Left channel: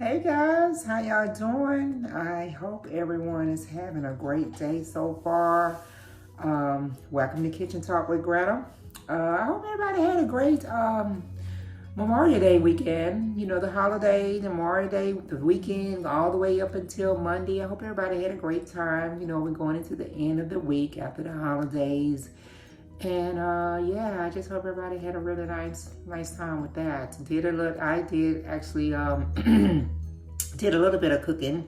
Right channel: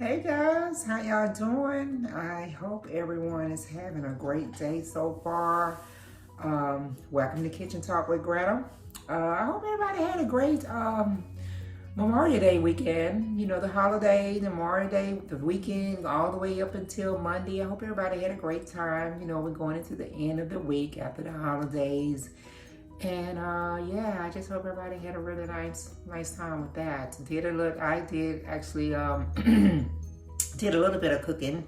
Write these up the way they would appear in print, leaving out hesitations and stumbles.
Hey guys, how y'all doing? I hope everyone is having a great day so far. Welcome to Kitchen Talk with Granna. I hope everybody had a great Memorial Day weekend. You know, the holiday, the Memorial Day, the weekend, all the way up until Monday. I hope everybody had a great time. You know, we're going into the end of the week after the holidays. And yeah, I just hope everybody had a really nice time with that. I did actually did a little bit of cooking,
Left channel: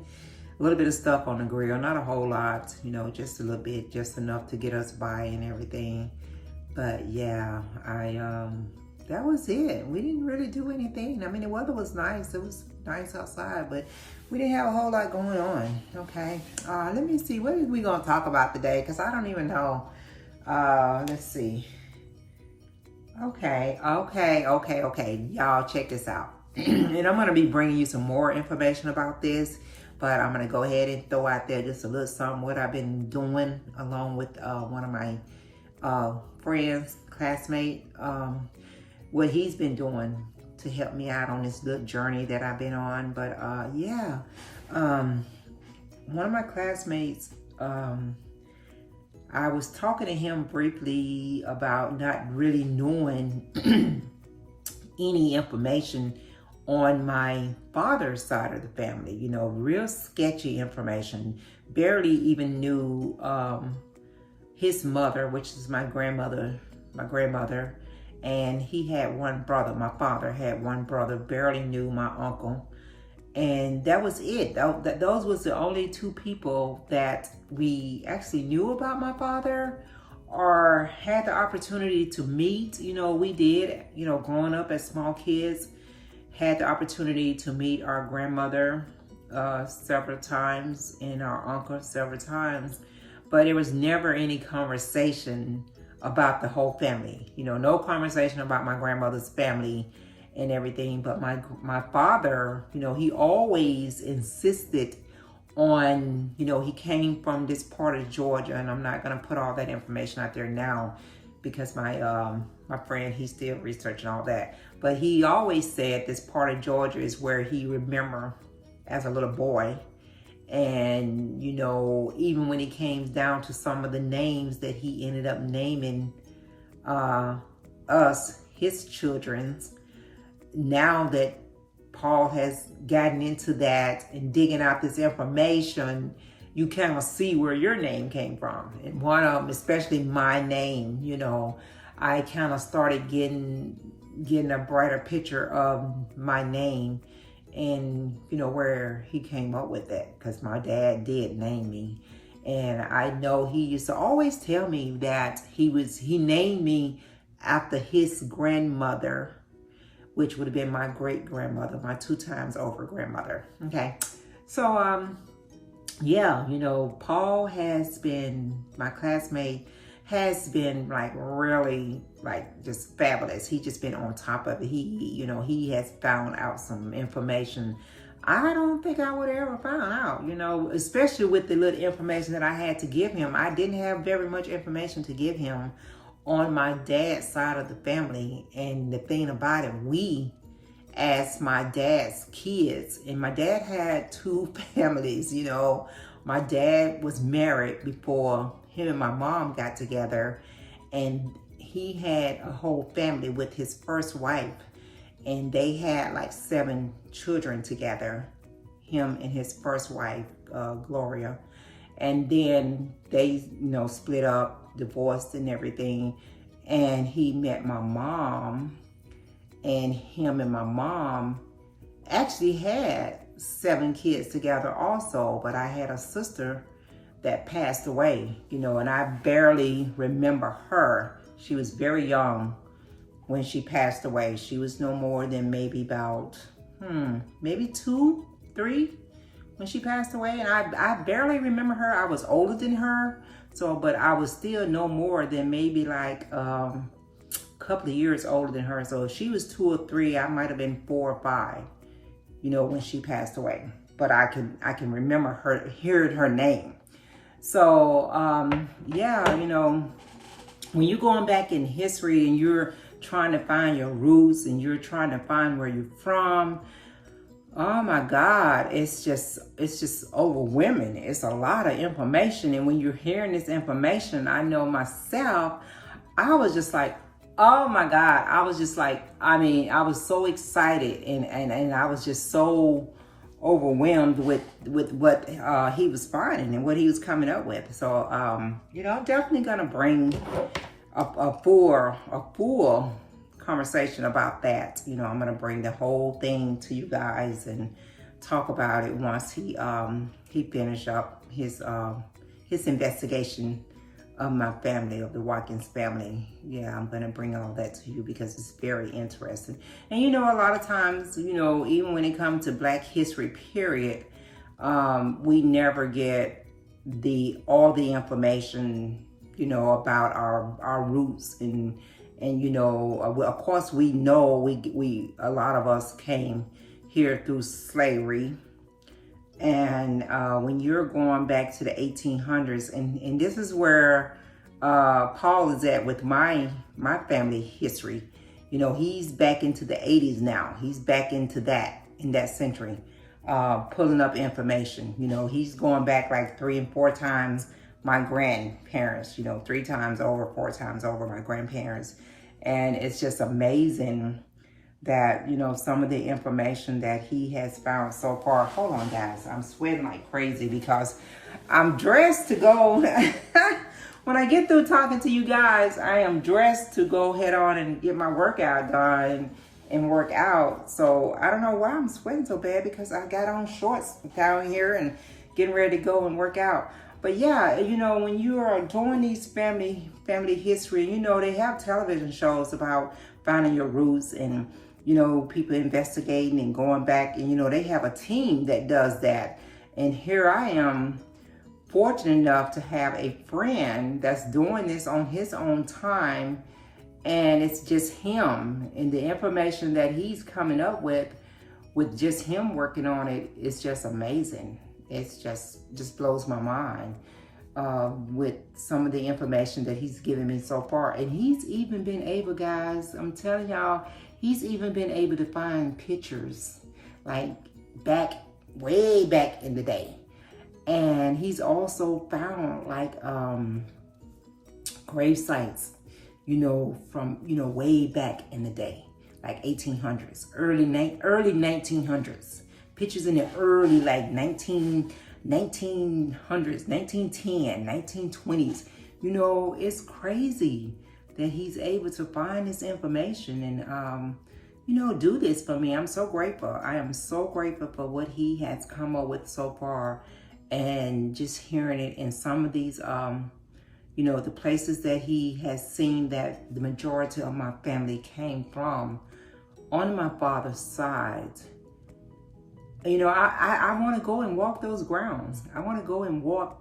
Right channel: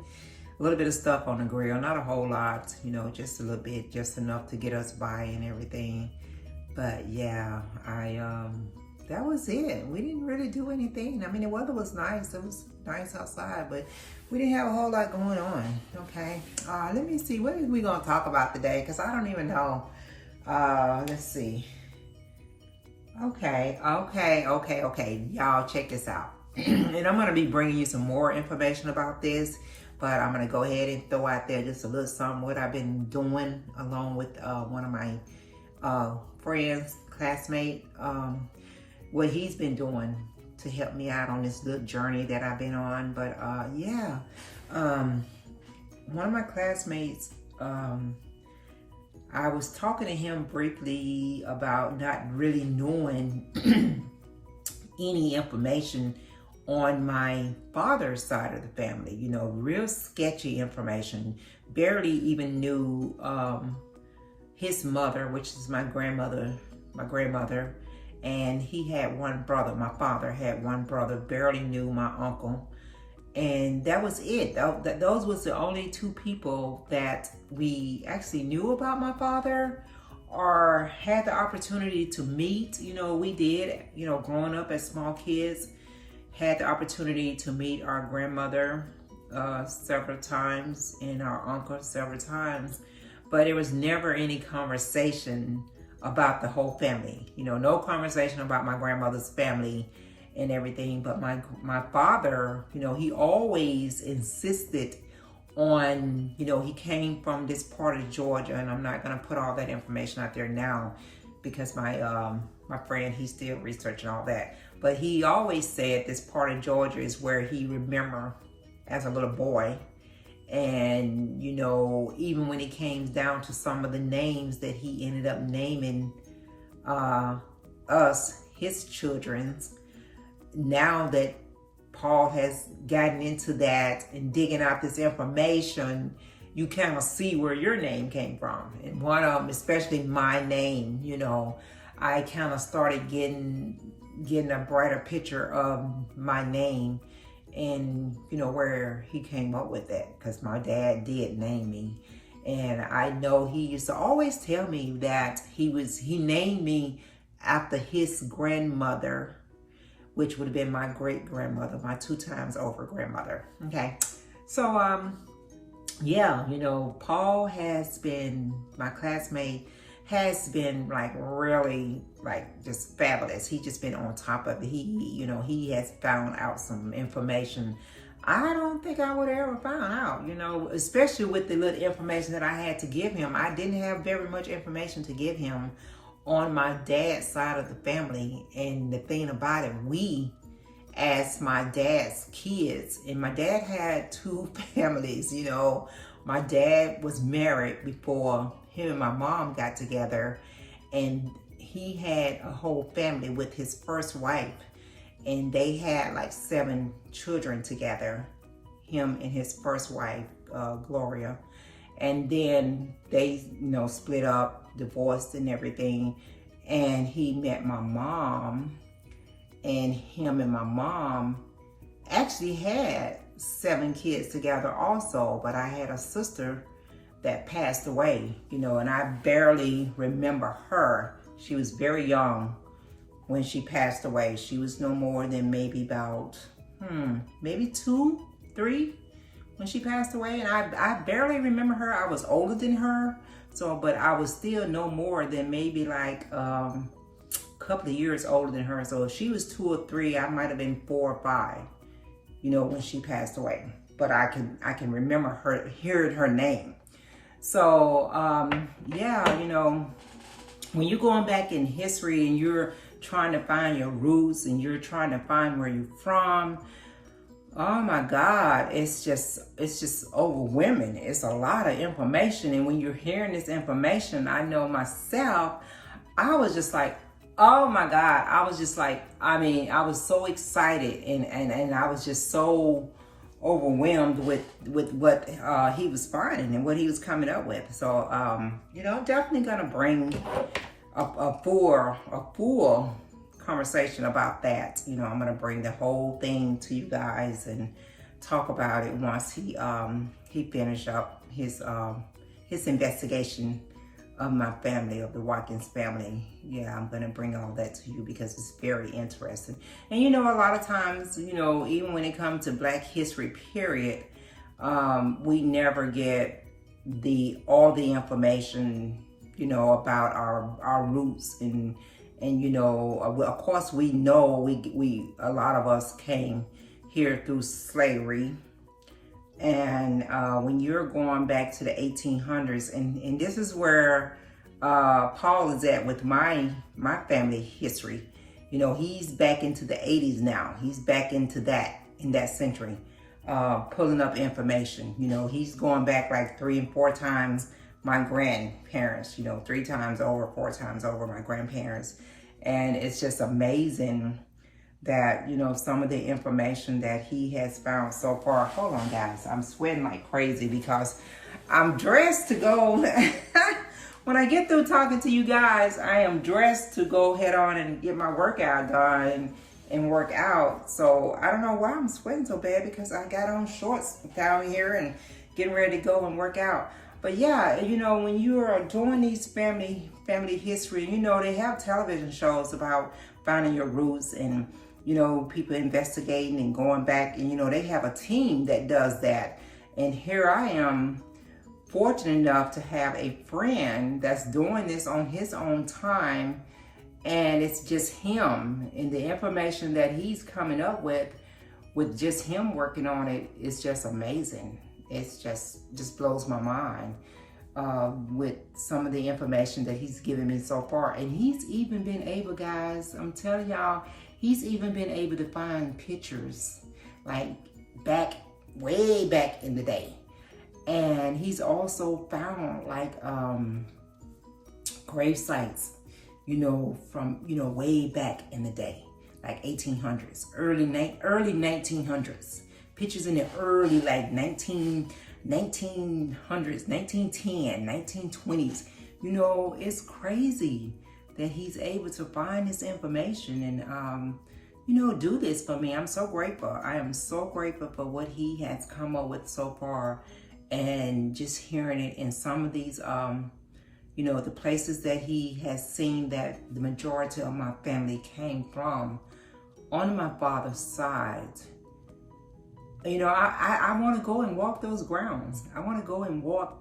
a little bit of stuff on the grill, not a whole lot, you know, just a little bit, just enough to get us by and everything. But yeah, that was it. We didn't really do anything. I mean, the weather was nice. It was nice outside, but we didn't have a whole lot going on. Okay, let me see, what are we gonna talk about today? Because I don't even know. Let's see. Okay. Y'all check this out. And I'm going to be bringing you some more information about this, but I'm going to go ahead and throw out there just a little something what I've been doing along with one of my friends, classmate, what he's been doing to help me out on this little journey that I've been on. But yeah, one of my classmates, I was talking to him briefly about not really knowing any information on my father's side of the family, you know, real sketchy information. Barely even knew his mother, which is my grandmother, and he had one brother. My father had one brother, barely knew my uncle. And that was it. Those was the only two people that we actually knew about my father or had the opportunity to meet. You know, we did, you know, growing up as small kids, had the opportunity to meet our grandmother several times and our uncle several times, but there was never any conversation about the whole family. You know, no conversation about my grandmother's family and everything. But my father, you know, he always insisted on, you know, he came from this part of Georgia, and I'm not going to put all that information out there now because my friend, he's still researching all that. But he always said this part of Georgia is where he remembered as a little boy. And, you know, even when it came down to some of the names that he ended up naming us, his children's, now that Paul has gotten into that and digging out this information, you kind of see where your name came from. And one of them, especially my name, you know, I kind of started getting a brighter picture of my name and, you know, where he came up with that, because my dad did name me. And I know he used to always tell me that he named me after his grandmother, which would have been my great-grandmother, my 2 times over grandmother. Okay. So, yeah, you know, Paul has been, my classmate, has been like really like just fabulous. He just been on top of it. You know, he has found out some information I don't think I would have ever found out, you know, especially with the little information that I had to give him. I didn't have very much information to give him on my dad's side of the family. And the thing about it, we, as my dad's kids, and my dad had 2 families, you know. My dad was married before him and my mom got together, and he had a whole family with his first wife, and they had like 7 children together, him and his first wife, Gloria. And then they, you know, split up, divorced and everything. And he met my mom, and him and my mom actually had 7 kids together also. But I had a sister that passed away, you know, and I barely remember her. She was very young when she passed away. She was no more than maybe about, maybe 2, 3 when she passed away. And I barely remember her. I was older than her. So, but I was still no more than maybe like a couple of years older than her. So if she was 2 or 3, I might have been 4 or 5, you know, when she passed away. But I can remember her, hearing her name. So, yeah, you know, when you're going back in history and you're trying to find your roots and you're trying to find where you're from, Oh my God, it's just overwhelming. It's a lot of information. And when you're hearing this information, I know myself, I was just like, oh my God. I was just like, I mean, I was so excited and I was just so overwhelmed with what he was finding and what he was coming up with. So you know, I'm definitely gonna bring a full conversation about that. You know, I'm gonna bring the whole thing to you guys and talk about it once he finished up his investigation of my family, of the Watkins family. Yeah, I'm gonna bring all that to you because it's very interesting. And you know, a lot of times, you know, even when it comes to Black History period, we never get all the information, you know, about our roots and you know, of course we know we a lot of us came here through slavery. And when you're going back to the 1800s, and this is where Paul is at with my family history. You know, he's back into the 80s now. He's back into that, in that century, pulling up information. You know, he's going back like 3 and 4 times my grandparents, you know, 3 times over, 4 times over my grandparents. And it's just amazing that, you know, some of the information that he has found so far. Hold on, guys. I'm sweating like crazy because I'm dressed to go. When I get through talking to you guys, I am dressed to go head on and get my workout done and work out. So I don't know why I'm sweating so bad, because I got on shorts down here and getting ready to go and work out. But yeah, you know, when you are doing these family history, you know, they have television shows about finding your roots and, you know, people investigating and going back, and, you know, they have a team that does that. And here I am, fortunate enough to have a friend that's doing this on his own time. And it's just him, and the information that he's coming up with just him working on it is just amazing. It's just blows my mind with some of the information that he's given me so far. And he's even been able, guys, I'm telling y'all, he's even been able to find pictures like way back in the day. And he's also found like grave sites, you know, from, you know, way back in the day, like 1800s, early 1900s. Pictures in the early, like 1900s, 1910, 1920s. You know, it's crazy that he's able to find this information and, you know, do this for me. I'm so grateful. I am so grateful for what he has come up with so far, and just hearing it in some of these, you know, the places that he has seen that the majority of my family came from on my father's side. You know, I want to go and walk those grounds. I want to go and walk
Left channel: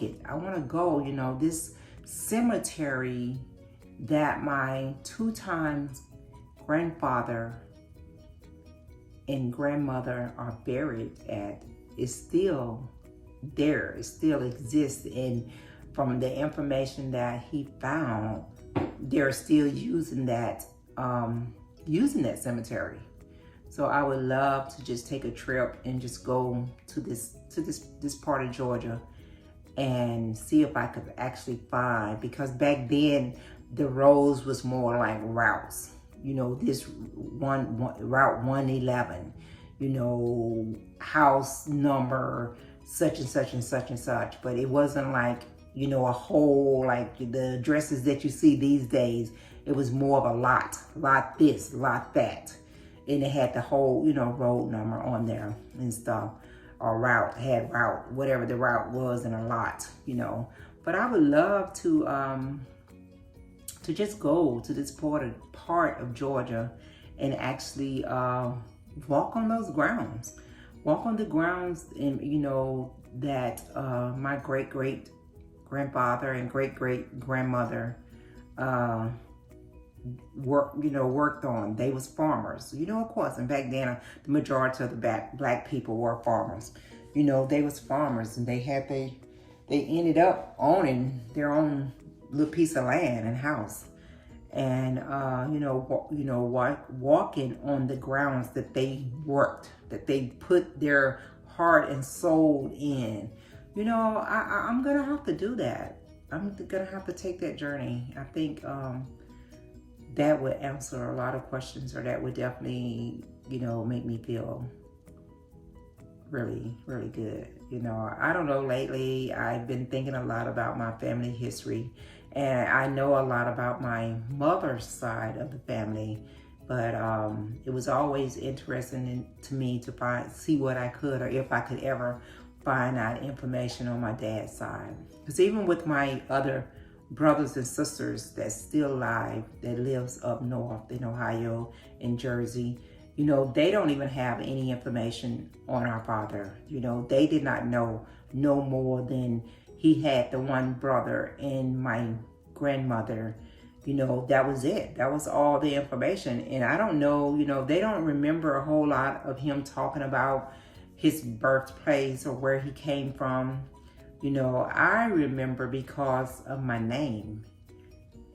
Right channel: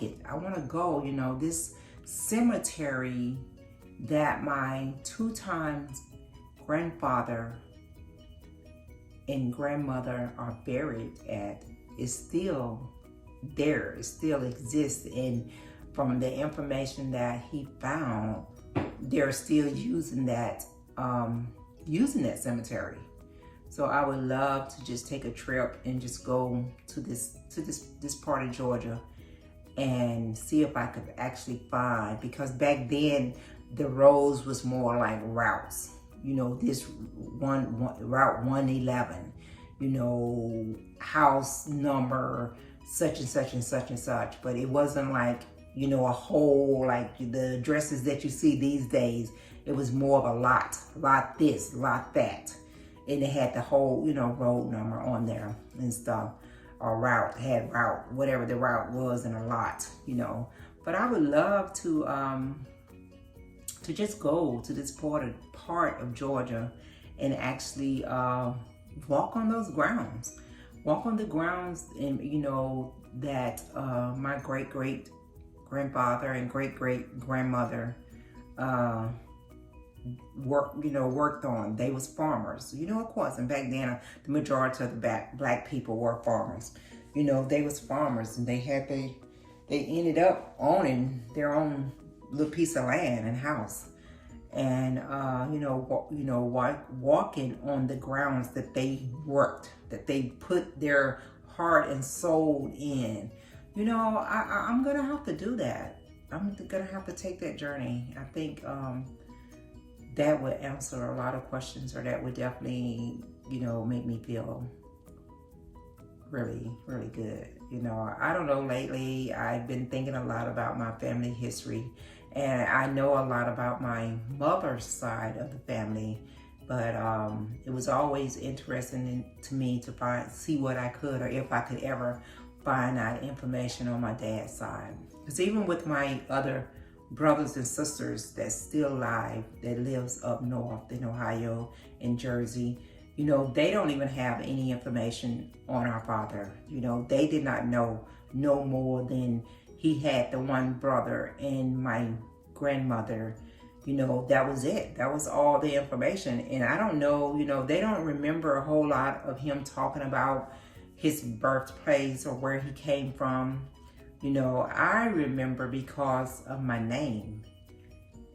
it. I want to go, you know, this cemetery that my 2 times grandfather and grandmother are buried at is still there. It still exists. And from the information that he found, they're still using that cemetery. So I would love to just take a trip and just go to this part of Georgia and see if I could actually find, because back then the roads was more like routes. You know, this route 111, you know, house number such and such and such and such. But it wasn't like, you know, a whole, like the addresses that you see these days. It was more of a lot this, lot that. And it had the whole, you know, road number on there and stuff, or route, whatever the route was, and a lot, you know. But I would love to just go to this part of Georgia and actually walk on those grounds. Walk on the grounds, and, you know, that my great-great-grandfather and great-great-grandmother worked on. They was farmers, you know, of course. And back then, the majority of the black people were farmers. You know, they was farmers, and they ended up owning their own little piece of land and house. and walking on the grounds that they worked, that they put their heart and soul in. I'm gonna have to do that. I'm gonna have to take that journey. I think that would answer a lot of questions, or that would definitely, make me feel really, really good. I don't know, lately I've been thinking a lot about my family history, and I know a lot about my mother's side of the family, but it was always interesting to me to see what I could, or if I could ever find out information on my dad's side. Because even with my other brothers and sisters that's still alive, that lives up north in Ohio and Jersey, they don't even have any information on our father. They did not know no more than he had the one brother and my grandmother. That was it. That was all the information. And I don't know, they don't remember a whole lot of him talking about his birthplace or where he came from. I remember because of my name.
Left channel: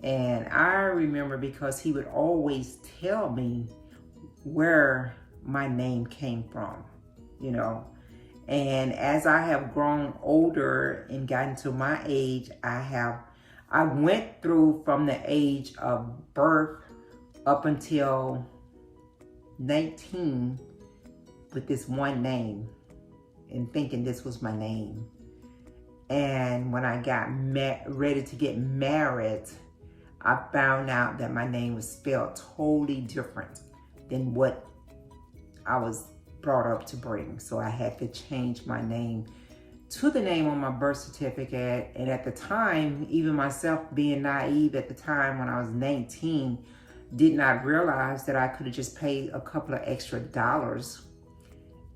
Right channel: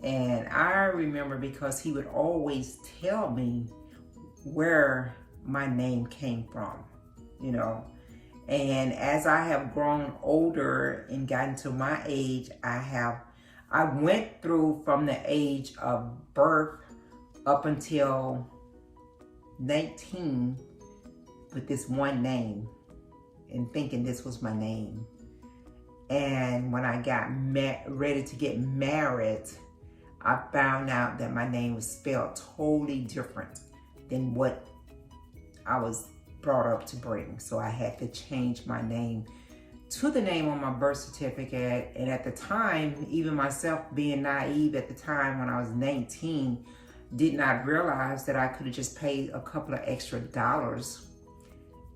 And I remember because he would always tell me where my name came from, And as I have grown older and gotten to my age, I went through from the age of birth up until 19 with this one name and thinking this was my name. And when I got ready to get married, I found out that my name was spelled totally different than what I was brought up to bring. So I had to change my name to the name on my birth certificate. And at the time, even myself being naive at the time when I was 19, did not realize that I could have just paid a couple of extra dollars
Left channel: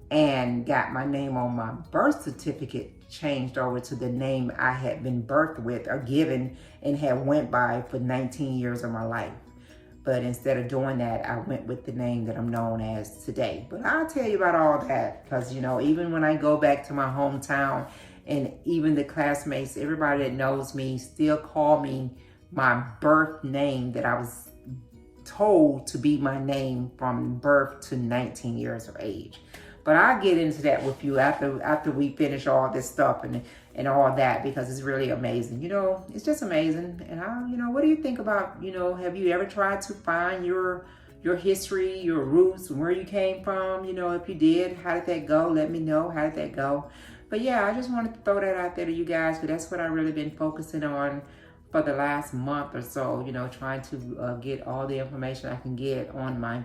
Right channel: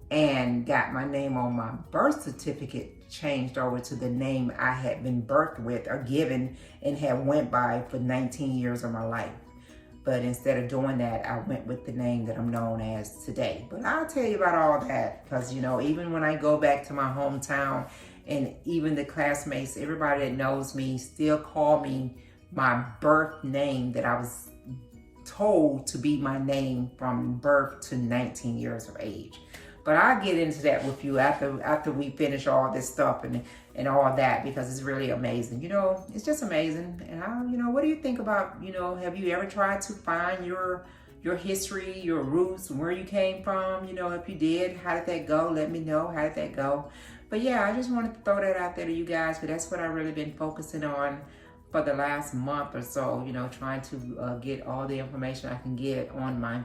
and got my name on my birth certificate changed over to the name I had been birthed with or given and had went by for 19 years of my life. But instead of doing that, I went with the name that I'm known as today. But I'll tell you about all that because, even when I go back to my hometown and even the classmates, everybody that knows me still call me my birth name that I was told to be my name from birth to 19 years of age. But I'll get into that with you after we finish all this stuff and all that, because it's really amazing. It's just amazing. And what do you think about, have you ever tried to find your history, your roots, where you came from? If you did, how did that go? Let me know. How did that go? But yeah, I just wanted to throw that out there to you guys, because that's what I've really been focusing on for the last month or so, trying to get all the information I can get on my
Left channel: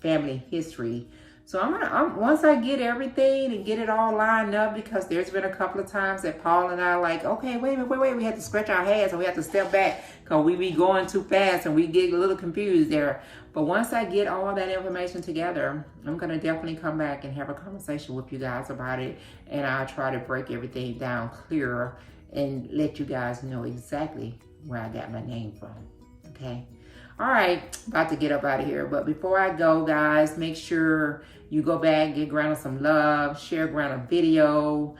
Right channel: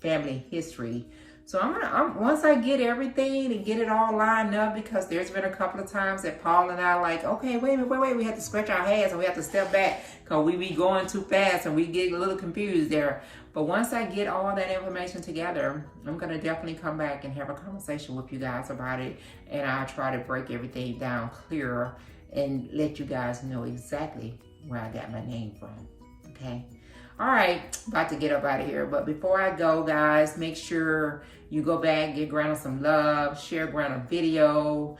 family history. So I'm once I get everything and get it all lined up, because there's been a couple of times that Paul and I like, okay, wait, we have to scratch our heads and we have to step back because we be going too fast and we get a little confused there. But once I get all that information together, I'm going to definitely come back and have a conversation with you guys about it. And I'll try to break everything down clearer and let you guys know exactly where I got my name from. Okay. All right, about to get up out of here. But before I go, guys, make sure you go back, give Granna some love, share Granna video,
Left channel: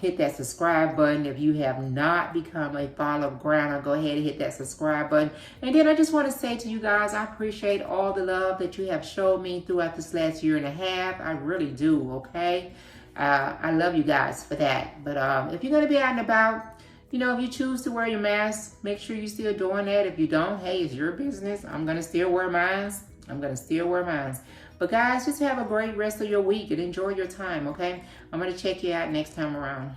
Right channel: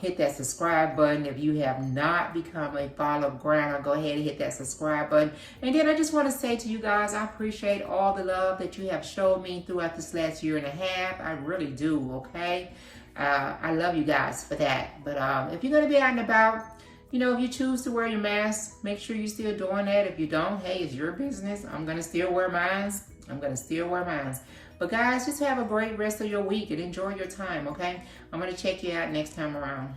hit that subscribe button. If you have not become a follower of Granna, go ahead and hit that subscribe button. And then I just want to say to you guys, I appreciate all the love that you have showed me throughout this last year and a half. I really do, okay? I love you guys for that. But if you're going to be out and about, if you choose to wear your mask, make sure you're still doing that. If you don't, hey, it's your business. I'm going to still wear mine. But guys, just have a great rest of your week and enjoy your time, okay? I'm going to check you out next time around.